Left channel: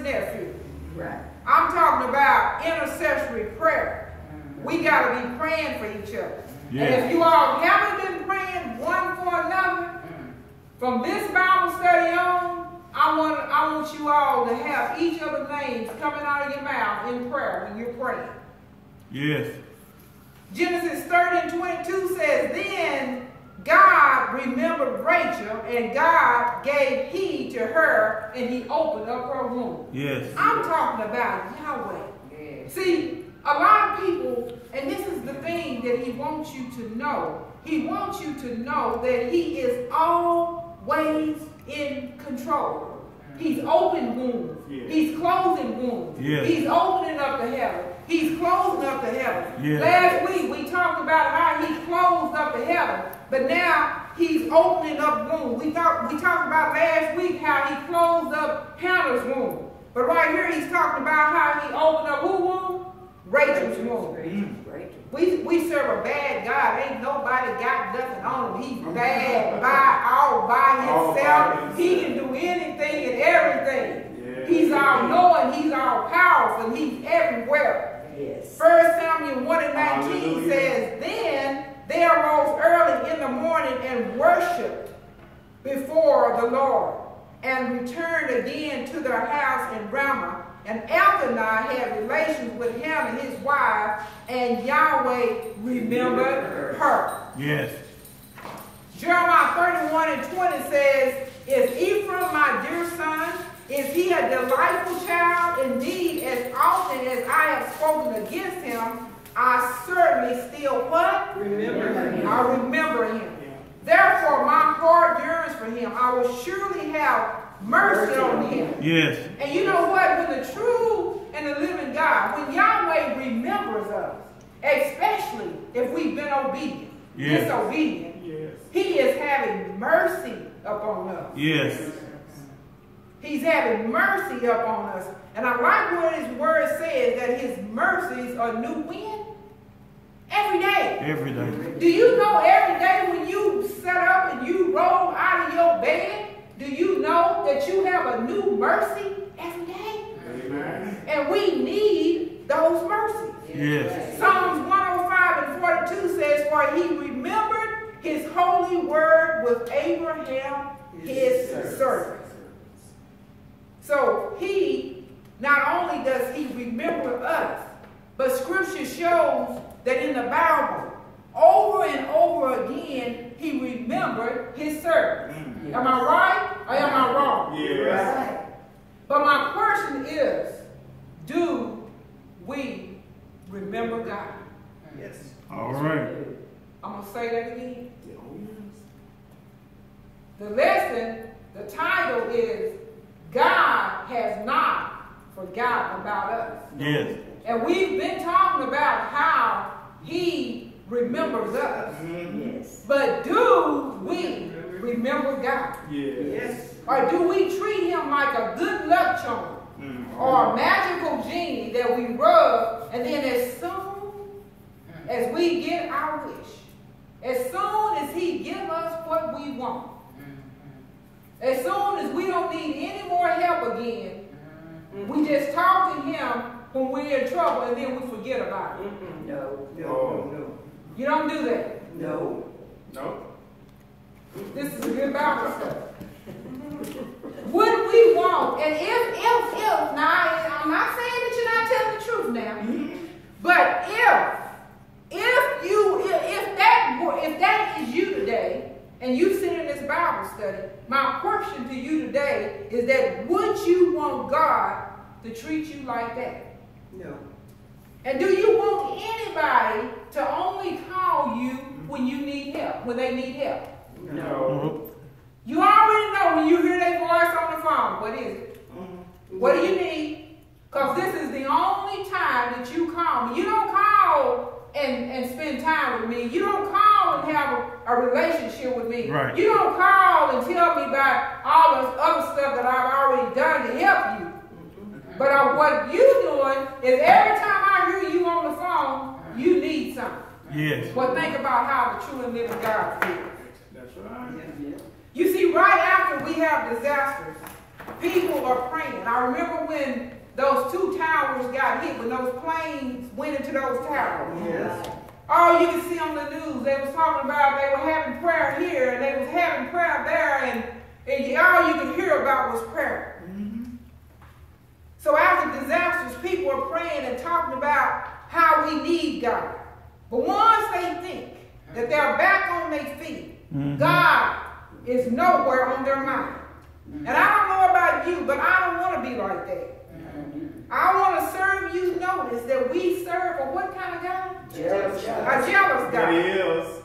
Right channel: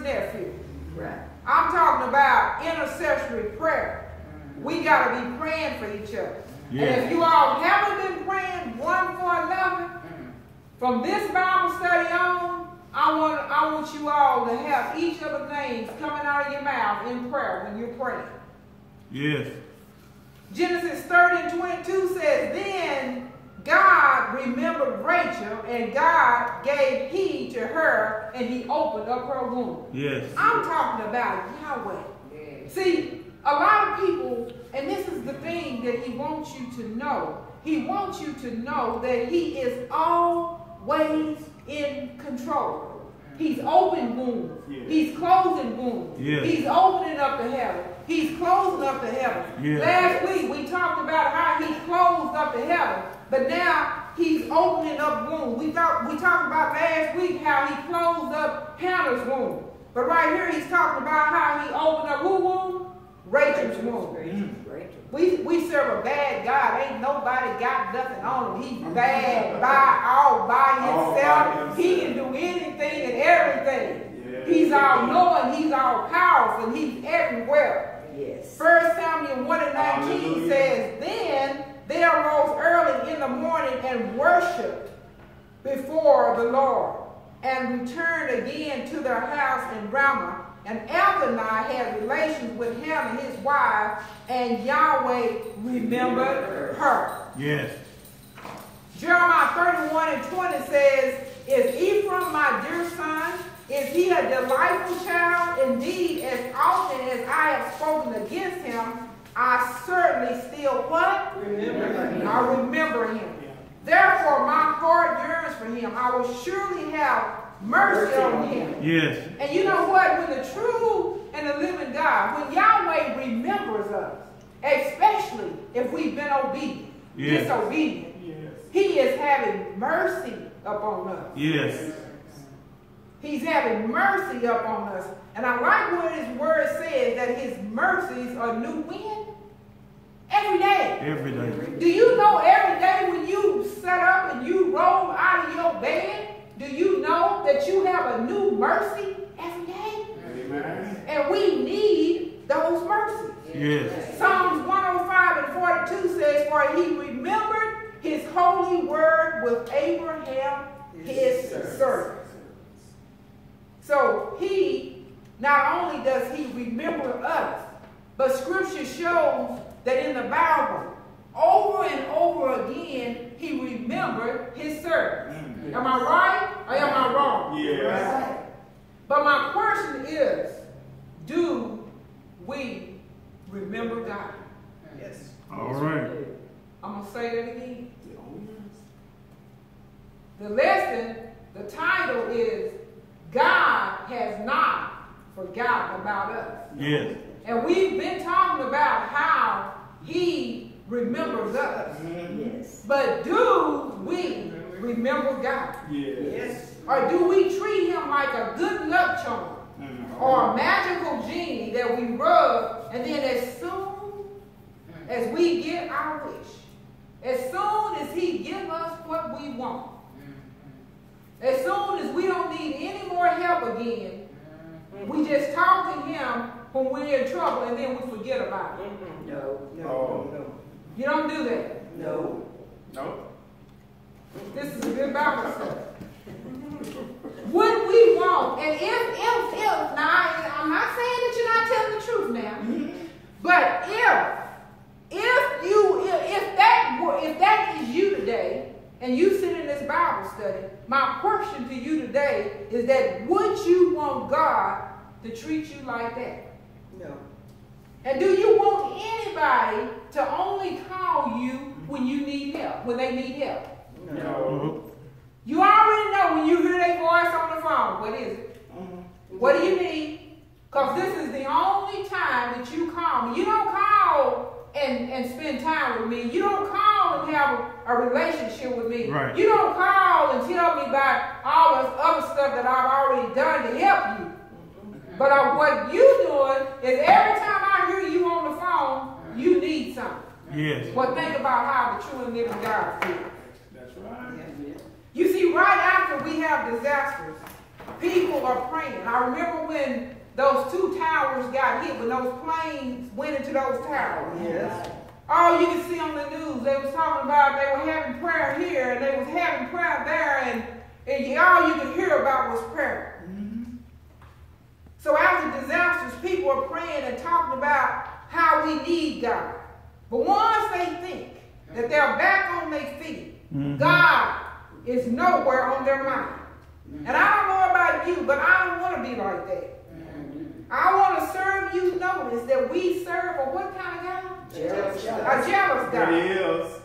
nephew. Right. I'm talking about intercessory prayer. We got to be praying for each other. Yeah. And if you all haven't been praying one for another, from this Bible study on, I want you all to have each other's names coming out of your mouth in prayer when you're praying. Yes. Genesis 30:22 says, then God remembered Rachel, and God gave heed to her, and he opened up her womb. Yes. I'm talking about Yahweh. Yes. See, a lot of people, and this is the thing that he wants you to know. He wants you to know that he is always in control. He's opening wombs. Yes. He's closing wombs. Yes. He's opening up the heaven. He's closing up the heaven. Yes. Last week we talked about how he closed up the heaven, but now he's opening up wombs. We talked about last week how he closed up Hannah's womb. But right here he's talking about how he opened up who womb? Rachel's womb. We serve a bad God. Ain't nobody got nothing on him. He's bad all by himself. He can do anything and everything. Yeah. He's all knowing. He's all powerful. He's everywhere. Yes. 1 Samuel 1:19 says, then they arose early in the morning and worshipped before the Lord, and returned again to their house in Ramah. And Elkanah had relations with Hannah, his wife, and Yahweh remembered her. Yes. Jeremiah 31:20 says, is Ephraim my dear son? Is he a delightful child? Indeed, as often as I have spoken against him, I certainly still what? Remember him. I remember him. Yeah. Therefore, my heart yearns for him. I will surely have mercy on him. Yes. And you know what? When the true and the living God, when Yahweh remembers us, especially if we've been obedient, disobedient, he is having mercy upon us. Yes. He's having mercy upon us. And I like what his word says, that his mercies are new when? Every day. Every day. Do you know every day when you set up and you roll out of your bed, do you know that you have a new mercy every day? Amen. And we need those mercies. Yes. Psalms 105:42 says, for he remembered his holy word with Abraham, his servant. So he, not only does he remember us, but scripture shows that in the Bible, over and over again, he remembered his servants. Am I right or am I wrong? Yes. Right. But my question is, do we remember God? Yes. All right. I'm going to say that again. The lesson, the title is, God has not forgotten about us. Yes. And we've been talking about how he remembers us. Yes. But do we remember God? Yes. Or do we treat him like a good luck charm or a magical genie that we rub, and then as soon as we get our wish, as soon as he gives us what we want, as soon as we don't need any more help again, we just talk to him when we're in trouble and then we forget about it? No. You don't do that? No. This is a good Bible study. Would we want, and if, now I'm not saying that you're not telling the truth now, but if that is you today, and you sit in this Bible study, my question to you today is that would you want God to treat you like that? No. And do you want anybody to only call you when you need help, when they need help? No. You already know when you hear their voice on the phone, what is it? What do you need? Because this is the only time that you call me. You don't call and spend time with me. You don't call and have a relationship with me. Right. You don't call and tell me about all this other stuff that I've already done to help you. But what you're doing is every time I hear you on the phone, you need something. Yes. Well, think about how the true and living God feels. That's right. You see, right after we have disasters, People are praying. I remember when those 2 towers got hit, when those planes went into those towers. Yes. All you can see on the news, they was talking about they were having prayer here and they was having prayer there, and all you could hear about was prayer. Mm-hmm. So after disasters, people are praying and talking about how we need God. But once they think that they're back on their feet, God is nowhere on their mind. And I don't know about you, but I don't want to be like that. I want to serve you. Notice that we serve a what kind of God? A jealous God.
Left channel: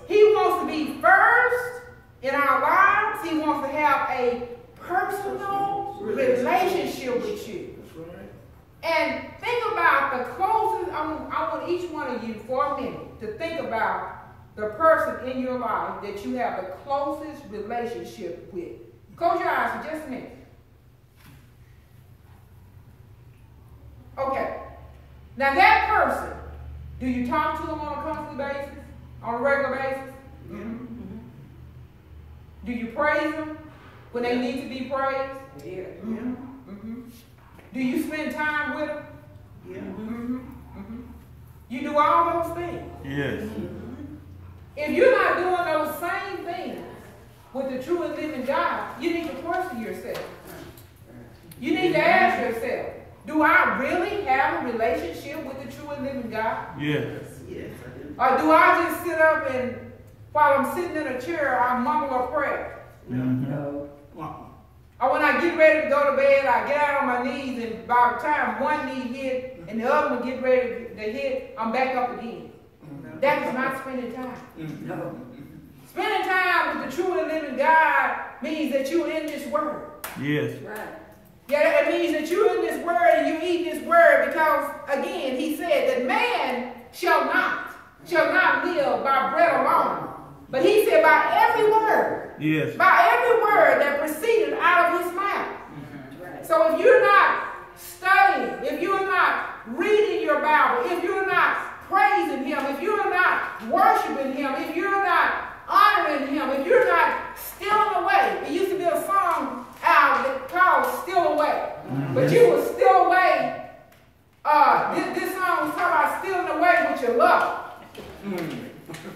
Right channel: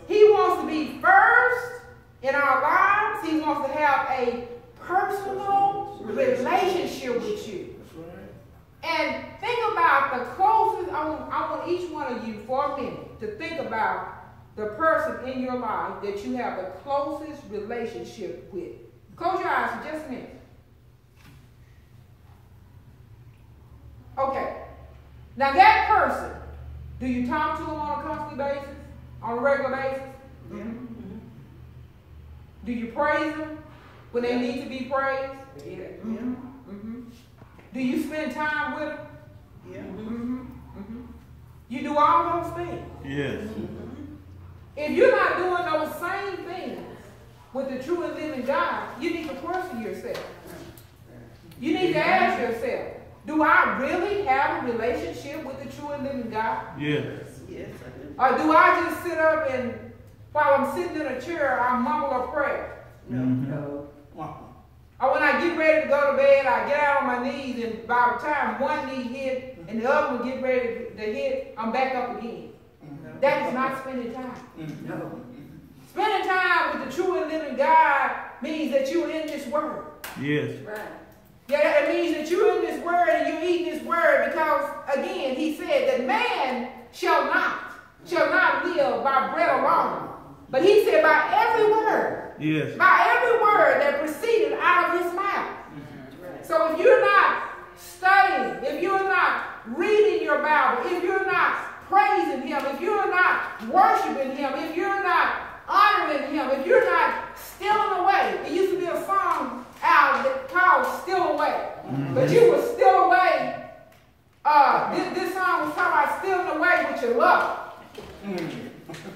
He wants to be first in our lives. He wants to have a personal relationship with you. And think about the closest. I want each one of you for a minute to think about the person in your life that you have the closest relationship with. Close your eyes for just a minute. Okay. Now that person, do you talk to them on a constantly basis? On a regular basis? Mm-hmm. Do you praise them when they need to be praised? Yeah. Mm-hmm. Mm-hmm. Do you spend time with them? Yeah. Mm-hmm. Mm-hmm. You do all those things. Yes. Mm-hmm. If you're not doing those same things with the true and living God, you need to question yourself. You need to ask yourself, do I really have a relationship with the true and living God? Yes. Yes, I do. Or do I just sit up and, while I'm sitting in a chair, I mumble a prayer? No. Or when I get ready to go to bed, I get out on my knees, and by the time one knee hit and the other one get ready to hit, I'm back up again. No. That is not spending time. No. Spending time with the true and living God means that you're in this word. Yes. Right. Yeah, it means that you're in this word and you eat this word because, again, he said that man shall not live by bread alone. But he said by every word. Yes. By every word that proceeded out of his mouth. Right. So if you're not studying, if you're not reading your Bible, if you're not praising him, if you're not worshiping him, if you're not honoring him, if you're not stealing away. It used to be a song out that called Still Away. But you were still away. This song was talking about stealing away with your love.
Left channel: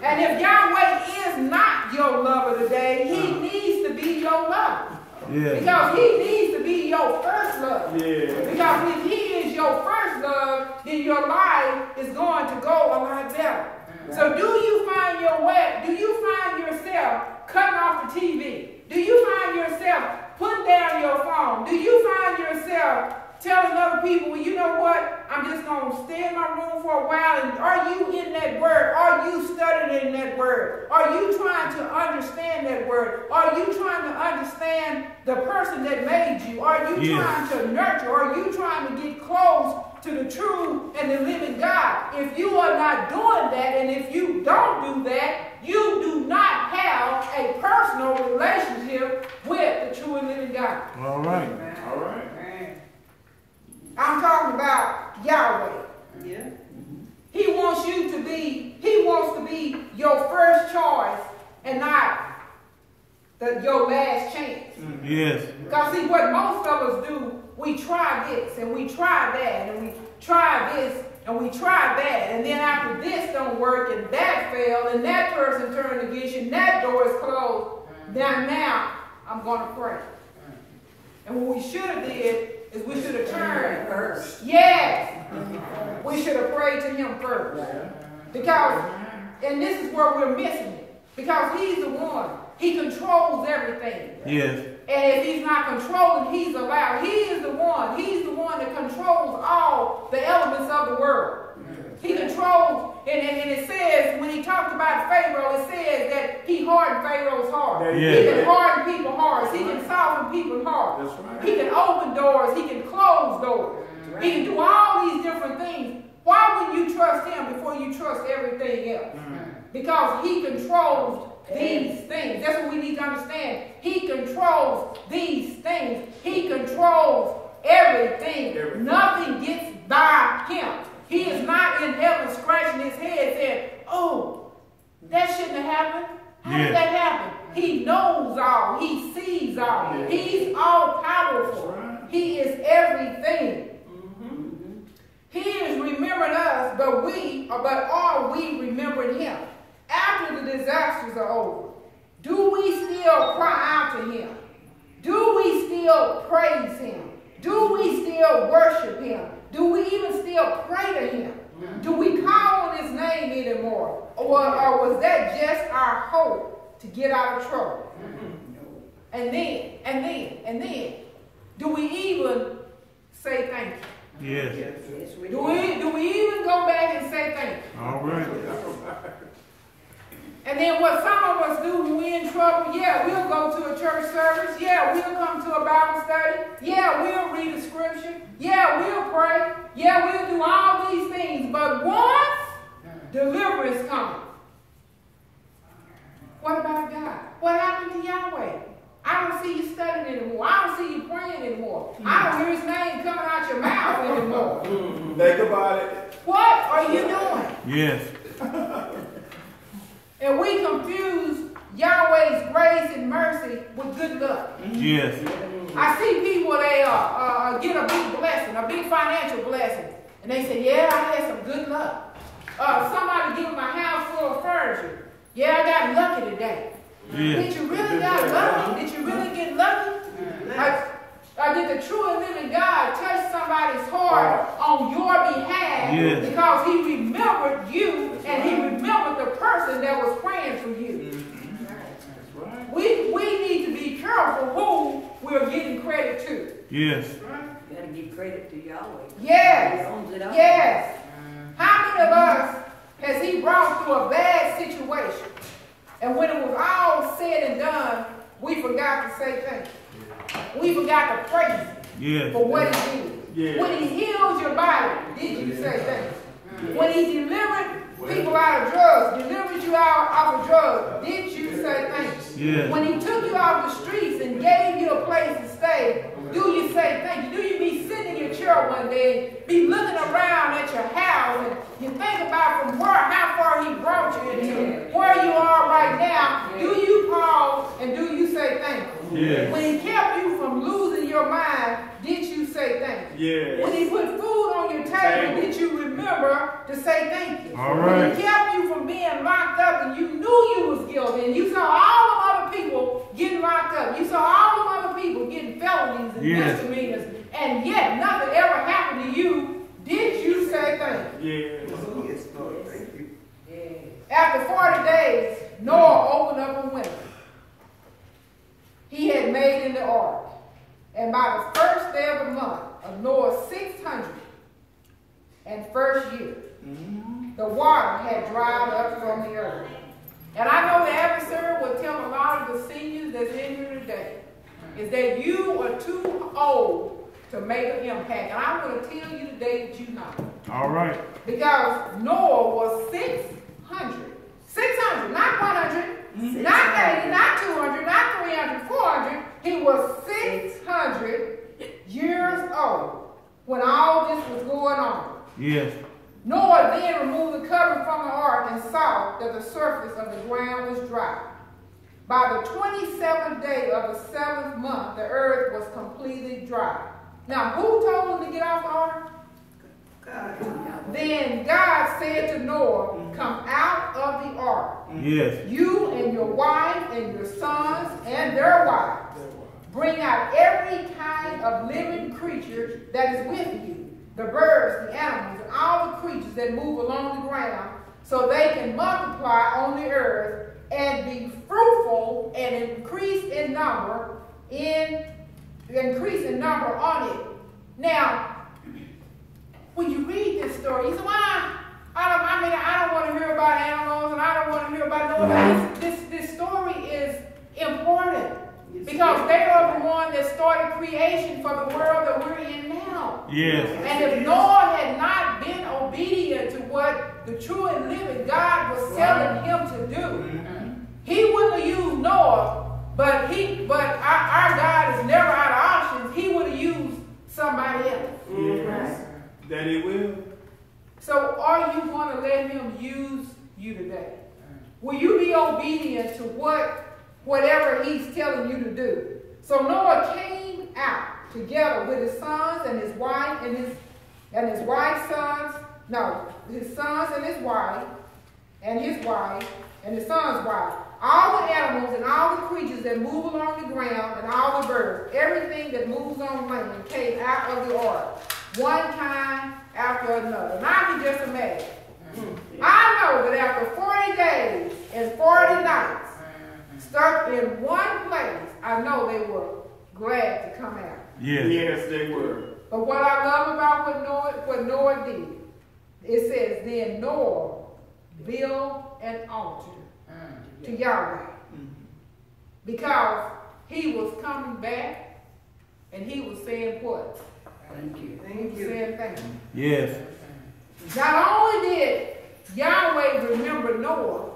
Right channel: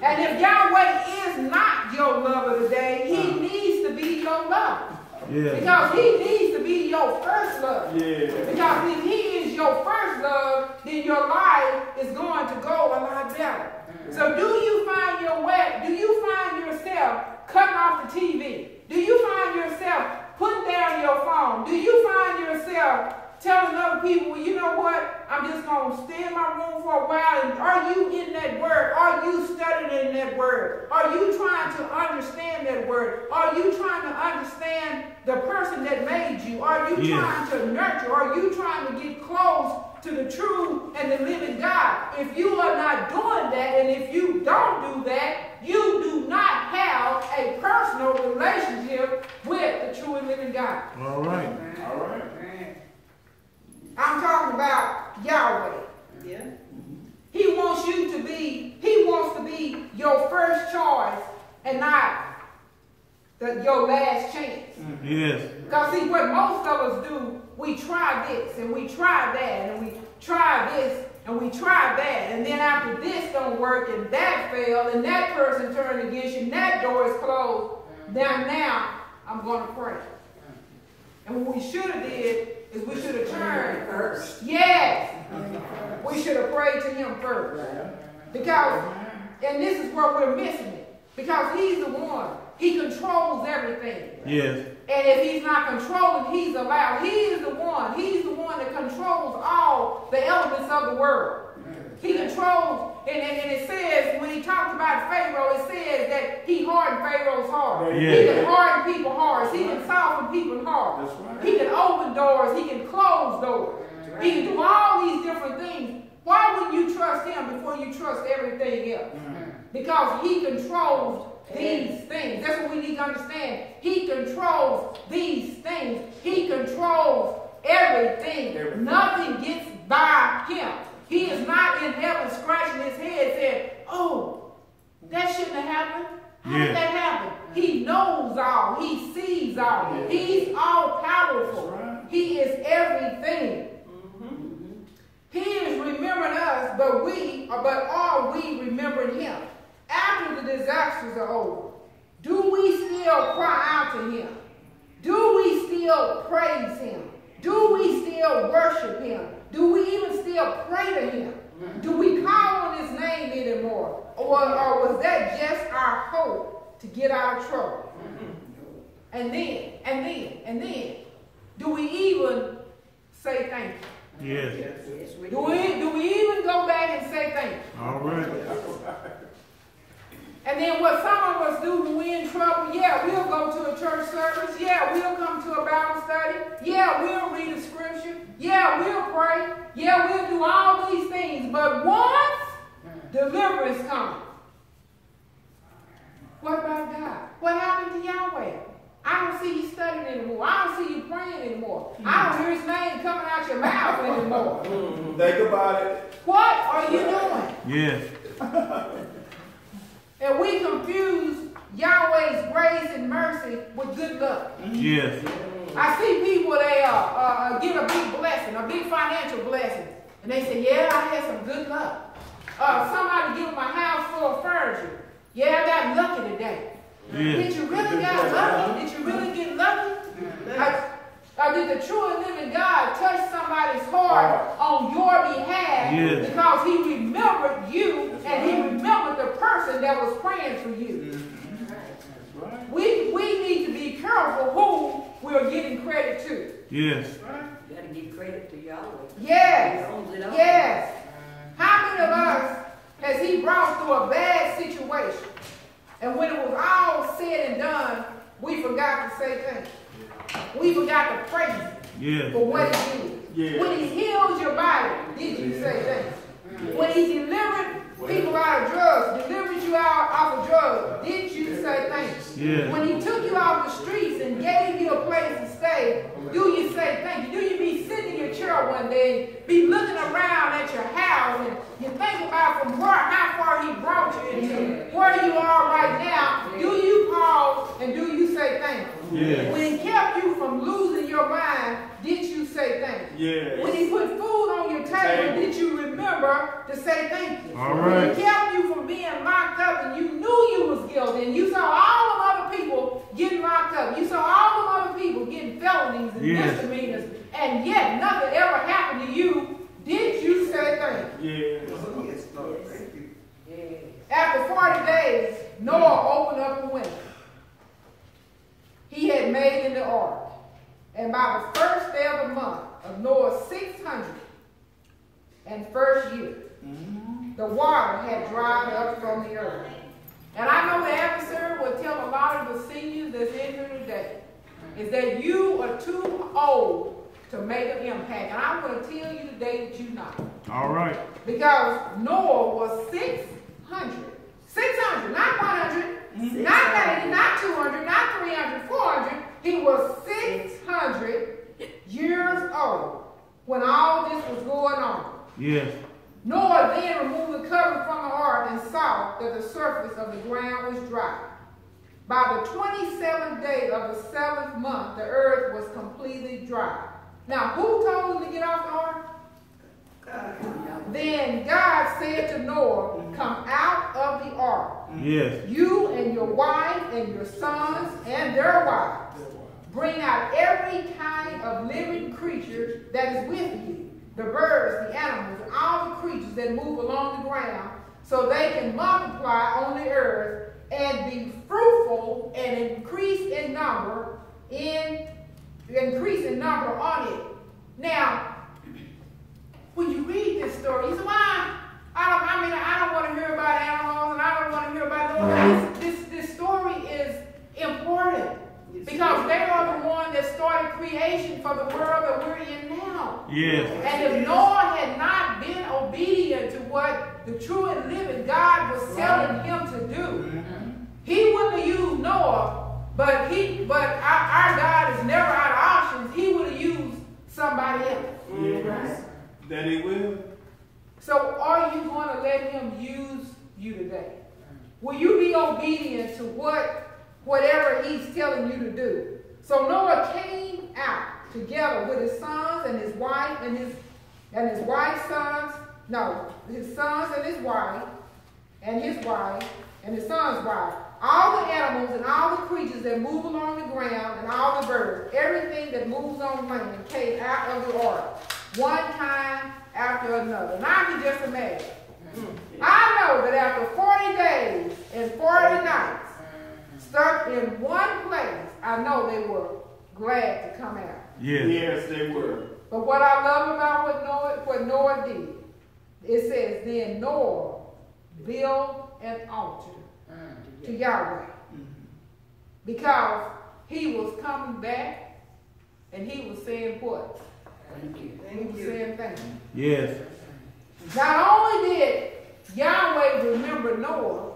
And if Yahweh is not your lover today, he needs to be your lover. Yes. Because he needs to be your first love. Yes. Because if he is your first love, then your life is going to go a lot better. So do you find yourself cutting off the TV? Do you find yourself putting down your phone? Do you find yourself telling other people, well, you know what, I'm just going to stay in my room for a while? And are you in that word? Are you studying that word? Are you trying to understand that word? Are you trying to understand the person that made you? Are you trying to nurture? Are you trying to get close to the true and the living God? If you are not doing that, and if you don't do that, you do not have a personal relationship with the true and living God. All right. All right. I'm talking about Yahweh. Yeah. He wants to be your first choice and not your last chance. Yes. Because see, what most of us do, we try this and we try that and we try this and we try that, and then after this don't work and that failed and that person turned against you and that door is closed, now I'm going to pray. And what we should have did is we should have turned first. Yes. We should have prayed to him first. Because, and this is where we're missing it, because he's the one. He controls everything. Yes. And if he's not controlling, he's allowed. He is the one. He's the one that controls all the elements of the world. He controls, and it says, when he talks about Pharaoh, it says that he hardened Pharaoh's heart. Yeah. He can harden people's hearts. He can soften people's hearts. Right. He can open doors. He can close doors. Right. He can do all these different things. Why would you trust him before you trust everything else? Because he controls these things. That's what we need to understand. He controls these things. He controls everything. Nothing gets by him. He is not in heaven scratching his head saying, oh, that shouldn't have happened. How did that happen? He knows all. He sees all. He's all powerful. He is everything. He is remembering us, but are we remembering him? After the disasters are over, do we still cry out to him? Do we still praise him? Do we still worship him? Do we even still pray to him? Do we call on his name anymore? Or was that just our hope to get out of trouble? And then, do we even say thank you? Yes. Do we even go back and say thank you? All right. And then what some of us do when we're in trouble, yeah, we'll go to a church service. Yeah, we'll come to a Bible study. Yeah, we'll read a scripture. Yeah, we'll pray. Yeah, we'll do all these things. But once deliverance comes, what about God? What happened to Yahweh? I don't see you studying anymore. I don't see you praying anymore. I don't hear his name coming out your mouth anymore. Think about it. What are you doing? Yes. And we confuse Yahweh's grace and mercy with good luck. Yes. I see people, they get a big blessing, a big financial blessing. And they say, yeah, I had some good luck. Somebody give them a house full of furniture. Yeah, I got lucky today. Yes. Did you really got lucky? Did you really get lucky? Did the true and living God touch somebody's heart on your behalf? Yes. Because he remembered you and he remembered the person that was praying for you. We need to be careful who we're giving credit to. Yes. You got to give credit to Yahweh. Yes. He owns it all. Yes. How many of us has he brought through a bad situation? And when it was all said and done, we forgot to say thank you. We forgot to praise him for what he did. Yeah. When he healed your body, did you say thank you? When he delivered people out of drugs, delivered you out of drugs, did you say thank you? Yeah. When he took you off the streets and gave you a place to stay, do you say thank you? Do you be sitting in your chair one day, be looking around at your house, and you think about from how far he brought you into where you are right now? Do you pause and do you say thank you? Yeah. When he kept you from losing your mind, did you say thank you? Yeah. When he put food on your table, did you remember to say thank you? All When right. he kept you from being locked up and you knew you was guilty and you saw all of other people getting locked up, you saw all of other people getting felonies and misdemeanors, and yet nothing ever happened to you, did you say thank you? Yeah. Yes, Lord. Thank you. After 40 days, Noah opened up a window he had made in the ark. And by the first day of the month of Noah's 601st year, the water had dried up from the earth. And I know the adversary will tell a lot of the seniors that's in here today is that you are too old to make an impact. And I want to tell you today that you're not. All right. Because Noah was 600. 600, not 100, not 80, not 200, not 300, 400. He was 600 years old when all this was going on. Yes. Noah then removed the covering from the ark and saw that the surface of the ground was dry. By the 27th day of the 7th month, the earth was completely dry. Now, who told him to get off the ark? Then God said to Noah, come out of the ark, Yes. you and your wife and your sons and their wives. Bring out every kind of living creature that is with you, the birds, the animals, and all the creatures that move along the ground, so they can multiply on the earth and be fruitful and increase in number on it. Now, when you read this story, you say, well, I don't want to hear about animals and I don't want to hear about no one. This story is important because they are the one that started creation for the world that we're in now. Yes. And if Noah had not been obedient to what the true and living God was telling him to do, he wouldn't have used Noah, but our God is never out of options. He would have used somebody else. Yes. That he will. So are you going to let him use you today? Will you be obedient to whatever he's telling you to do? So Noah came out. together with his sons and his wife and his wife's sons. No, his sons and his wife and his son's wife. All the animals and all the creatures that move along the ground and all the birds, everything that moves on land came out of the ark, one time after another. And I can just imagine. I know that after 40 days and 40 nights, stuck in one place, I know they were glad to come out. Yes, they were. But what I love about what Noah did, it says, then Noah built an altar to Yahweh. Because he was coming back and he was saying what? Thank you. He was saying thank you. Yes. Not only did Yahweh remember Noah,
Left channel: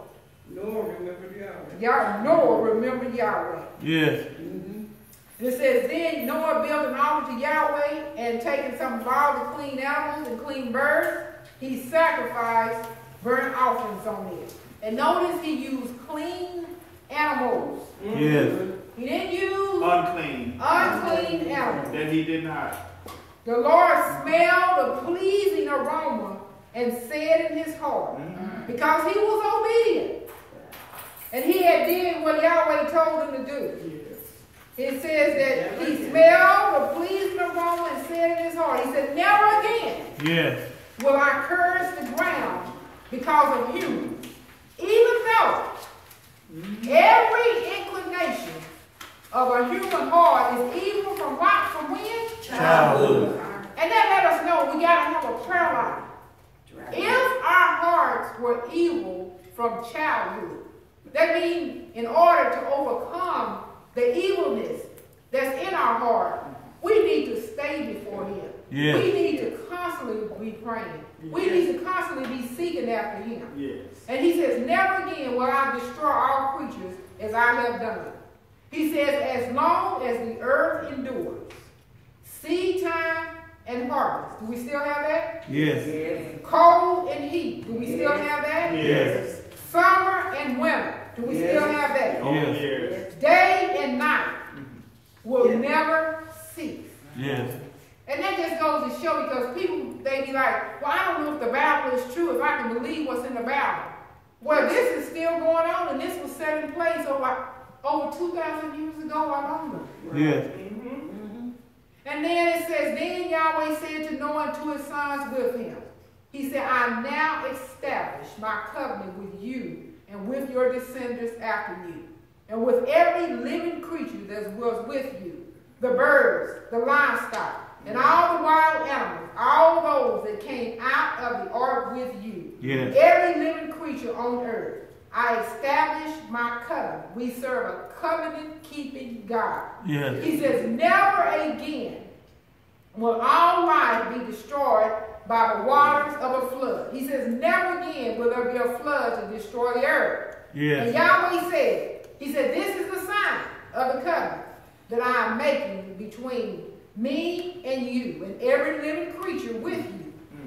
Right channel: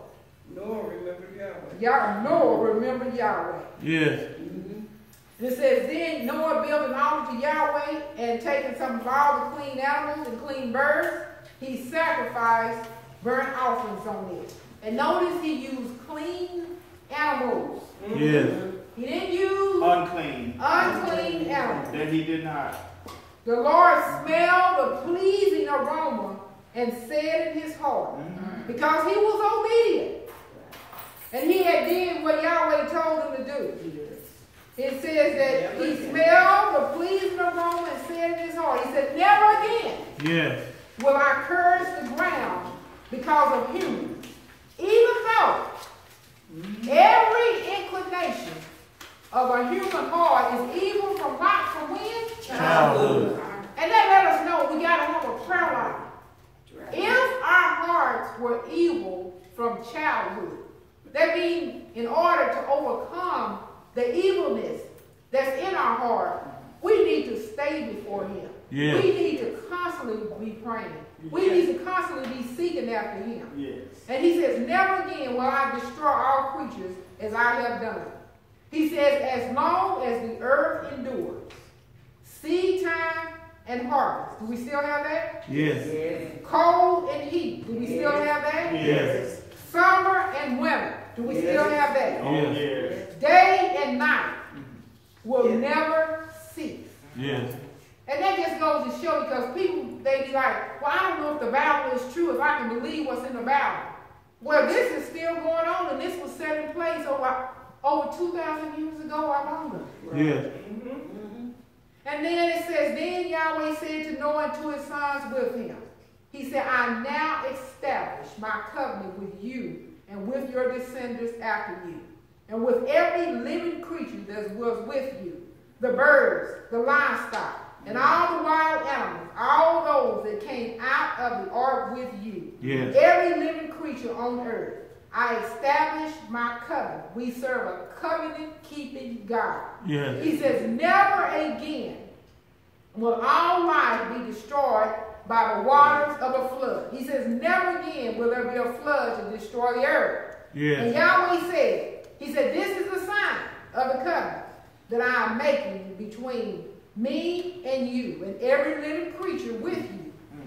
Noah remembered Yahweh. Noah remembered Yahweh. Yes. And it says, then Noah built an altar to Yahweh, and taking some of all the clean animals and clean birds, he sacrificed burnt offerings on it. And notice he used clean animals. Yes. He didn't use Unclean. animals. That he did not. The Lord smelled the pleasing aroma and said in his heart, because he was obedient, and he had did what Yahweh told him to do. It says that he smelled the pleasing aroma and said in his heart, he said, never again will I curse the ground because of humans, even though every inclination of a human heart is evil from what? From when? Childhood. And that let us know we got to have a prayer life. If our hearts were evil from childhood, that means in order to overcome the evilness that's in our heart, we need to stay before him. Yes. We need to constantly be praying. We need to constantly be seeking after him. Yes. And he says, never again will I destroy all creatures as I have done. He says, as long as the earth endures, seed time and harvest. Do we still have that? Yes. Cold and heat. Do we still have that? Yes. Summer and winter. Do we still have that? Yes. Day and night will never cease. Yes. And that just goes to show, because people, they be like, well, I don't know if the Bible is true, if I can believe what's in the Bible. Well, this is still going on, and this was set in place over 2,000 years ago or longer. Yes. And then it says, then Yahweh said to Noah and to his sons with him, he said, I now establish my covenant with you and with your descendants after you, and with every living creature that was with you, the birds, the livestock, and all the wild animals, all those that came out of the ark with you, every living creature on earth. I established my covenant. We serve a covenant-keeping God. Yes. He says, never again will all life be destroyed by the waters of a flood. He says, never again will there be a flood to destroy the earth. Yes. And Yahweh said, he said, this is the sign of the covenant that I am making between me and you and every living creature with you.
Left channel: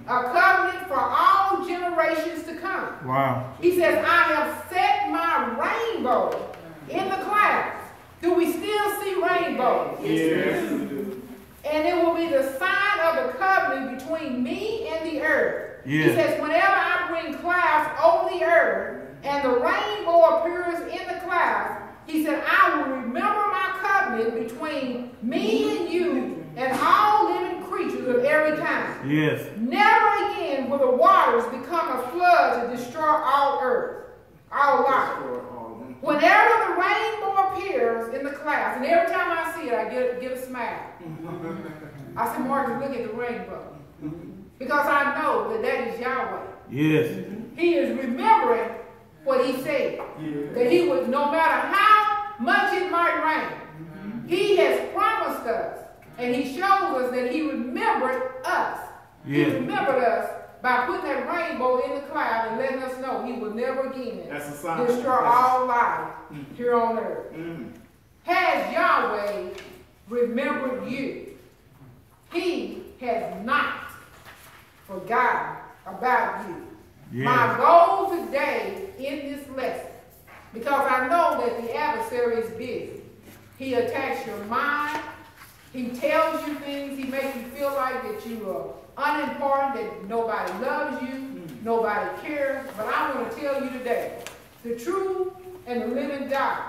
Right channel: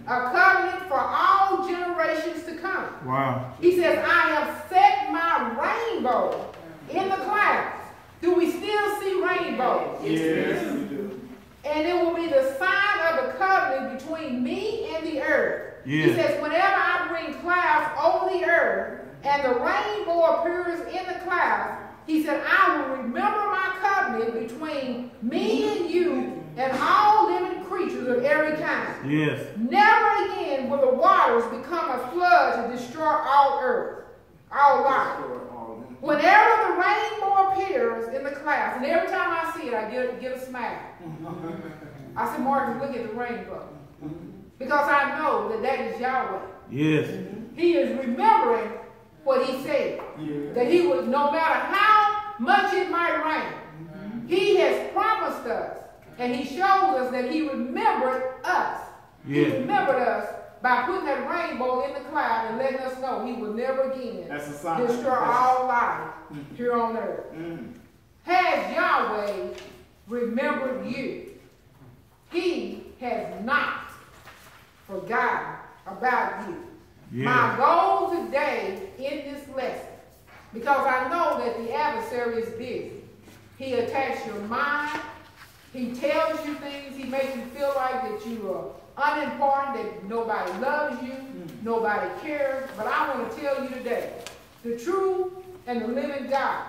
A covenant for all generations to come. Wow. He says, I have set my rainbow in the clouds. Do we still see rainbows? Yes, we do. And it will be the sign of the covenant between me and the earth. Yes. He says, whenever I bring clouds over the earth and the rainbow appears in the clouds, he said, I will remember my covenant between me and you and all living creatures of every kind. Yes. Never again will the waters become a flood to destroy all earth, all life. Whenever the rainbow appears in the clouds, and every time I see it, I get a smile. I said, Marcus, look at the rainbow. Because I know that that is Yahweh. Yes. He is remembering what he said. That he would, no matter how much it might rain, he has promised us. And he shows us that he remembered us. He remembered us by putting that rainbow in the cloud and letting us know he will never again destroy all life here on earth. Has Yahweh remembered you? He has not forgotten about you. My goal today in this lesson, because I know that the adversary is busy. He attacks your mind. He tells you things. He makes you feel like that you are unimportant, that nobody loves you, nobody cares. But I want to tell you today, the true and the living God,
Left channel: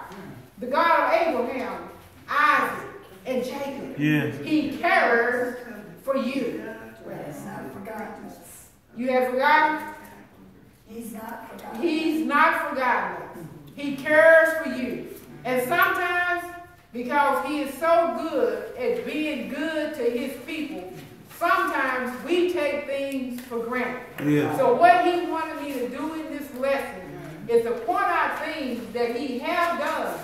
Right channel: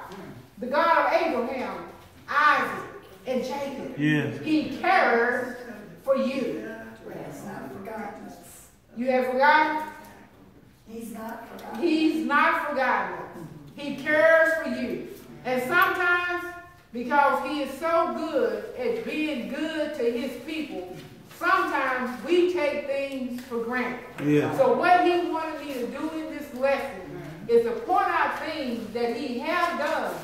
the God of Abraham, Isaac, and Jacob, Yes. He cares for you. You have forgotten? He's not forgotten. He's not forgotten us. He cares for you. And sometimes, because He is so good at being good to His people, sometimes we take things for granted. Yeah. So what He wanted me to do in this lesson is to point out things that He has done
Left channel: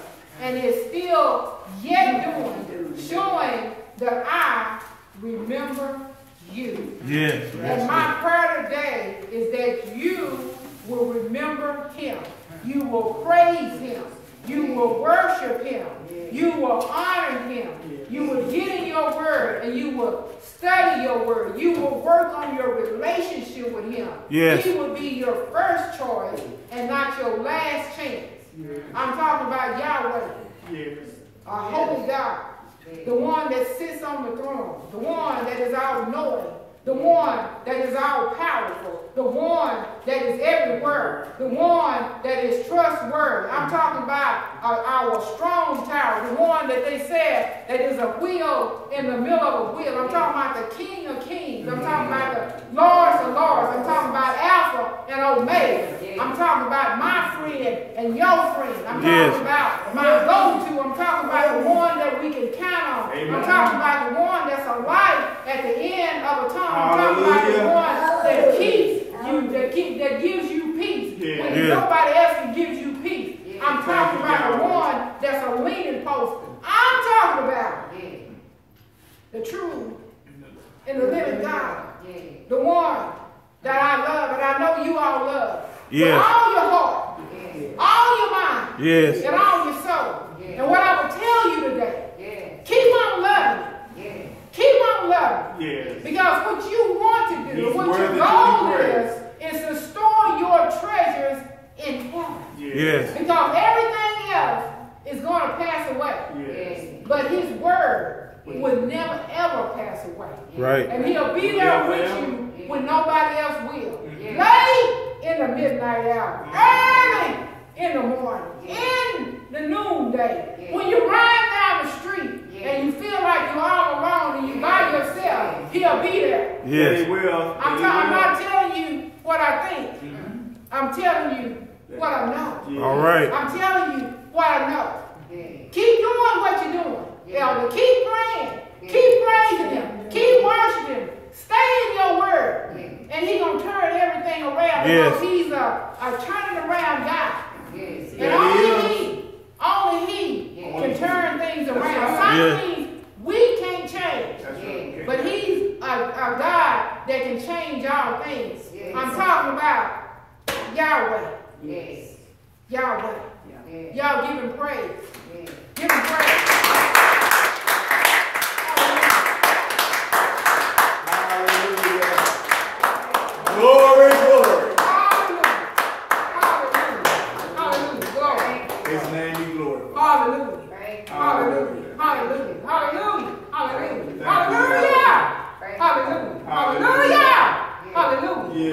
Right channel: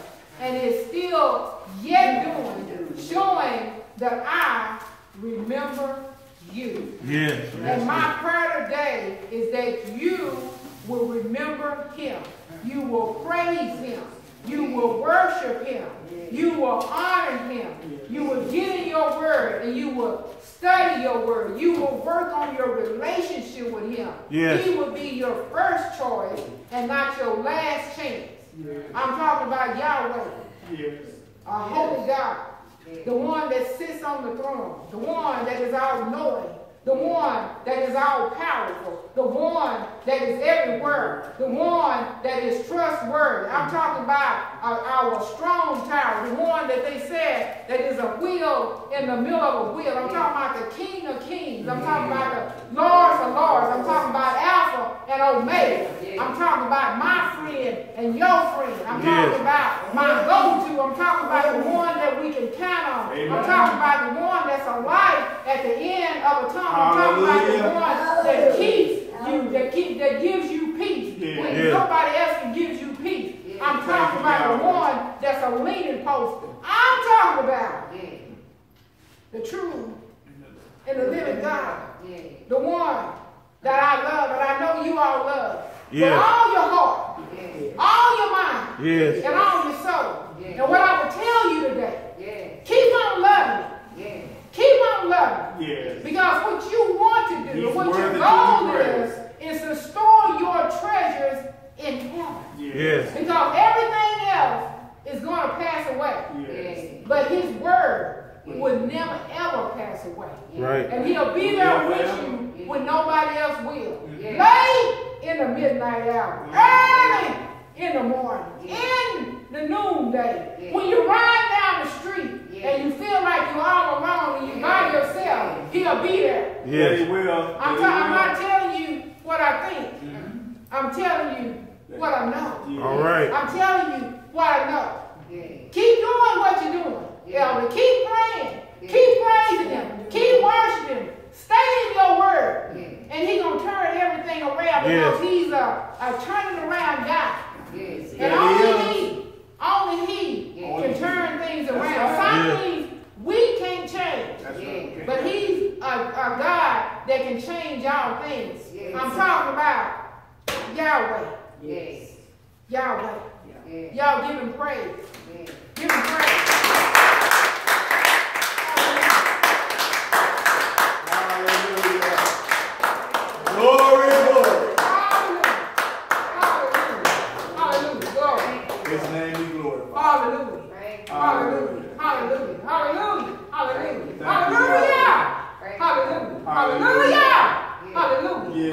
and is still yet doing, showing that I remember you. Yes. And my prayer today is that you will remember Him. You will praise Him. You will worship Him. You will honor Him. You will get in your word and you will study your word. You will work on your relationship with Him. Yes. He will be your first choice and not your last chance. I'm talking about Yahweh, our holy God, the one that sits on the throne, the one that is all-knowing, the one that is all-powerful, the one that is everywhere, the one that is trustworthy. I'm talking about our strong tower, the one that they said that is a wheel in the middle of a wheel. I'm talking about the King of Kings. I'm talking about the Lords of Lords. I'm talking about Alpha and Omega. I'm talking about my friend and your friend. I'm talking about my go-to. I'm talking about the one that we can count on. I'm talking about the one that's a light at the end of a tunnel. I'm talking about the one that keeps you, that gives you peace when nobody else can give you peace. I'm talking about the one that's a leaning post. I'm talking about the true and the living God. The one that I love and I know you all love. With all your heart, all your mind, and all your soul. And what I will tell you today, keep on loving it. Keep on loving. Because what you want to do, what your goal is to store your treasures in heaven. Because everything else is going to pass away. But His word will never ever pass away. Right. And He'll be there with you when nobody else will. Late in the midnight hour, early in the morning, in the noonday, when you ride down the street and you feel like you're all alone and you're by yourself, He'll be there. Yes, He will. I'm not telling you what I think. I'm telling you what I know. All right. I'm telling you what I know. Keep doing what you're doing, elder. Keep praying. Keep praising Him. Keep worshiping Him. Stay in your word. And He's going to turn everything around because He's a turning around God. And only He can turn things around. Some things we can't change. But He's a God that can change all things. I'm talking about Yahweh. Yahweh. Y'all give Him praise. Give Him praise. Glory, glory. Hallelujah. Hallelujah. Hallelujah. Glory. His name be glorified. Hallelujah. Hallelujah. Hallelujah. Hallelujah. Hallelujah. Hallelujah. Hallelujah. Hallelujah. Hallelujah.